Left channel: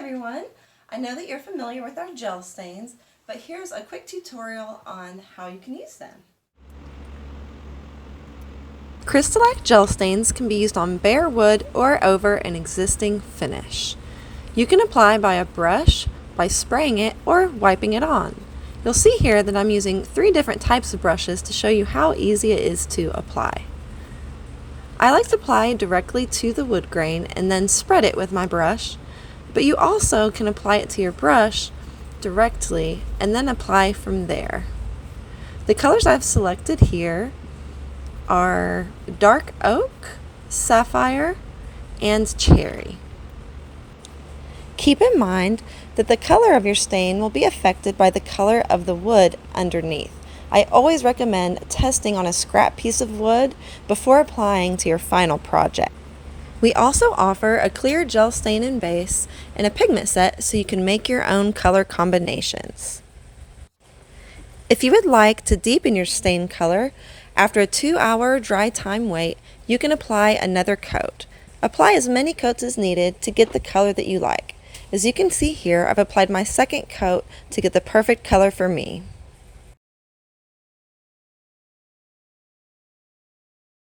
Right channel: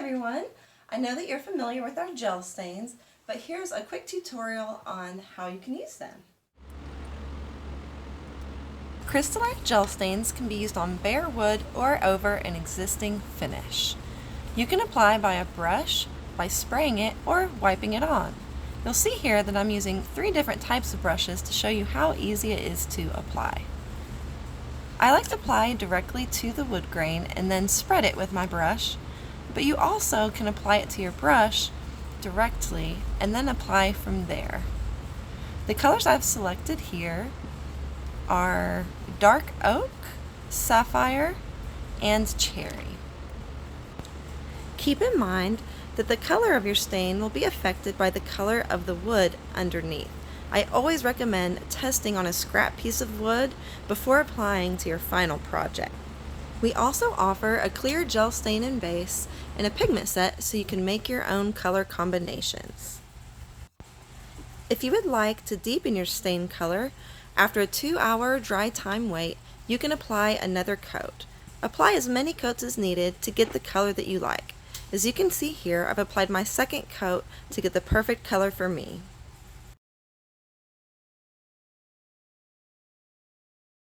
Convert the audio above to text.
everyone! I know that you're familiar with our gel stains, but here's a quick tutorial on how you can use them. CrystaLac gel stains can be used on bare wood or over an existing finish. You can apply by a brush, by spraying it, or wiping it on. You'll see here that I'm using 3 different types of brushes to show you how easy it is to apply. I like to apply directly to the wood grain and then spread it with my brush, but you also can apply it to your brush directly and then apply from there. The colors I've selected here are dark oak, sapphire, and cherry. Keep in mind that the color of your stain will be affected by the color of the wood underneath. I always recommend testing on a scrap piece of wood before applying to your final project. We also offer a clear gel stain and base and a pigment set so you can make your own color combinations. If you would like to deepen your stain color, after a 2-hour dry time wait, you can apply another coat. Apply as many coats as needed to get the color that you like. As you can see here, I've applied my second coat to get the perfect color for me.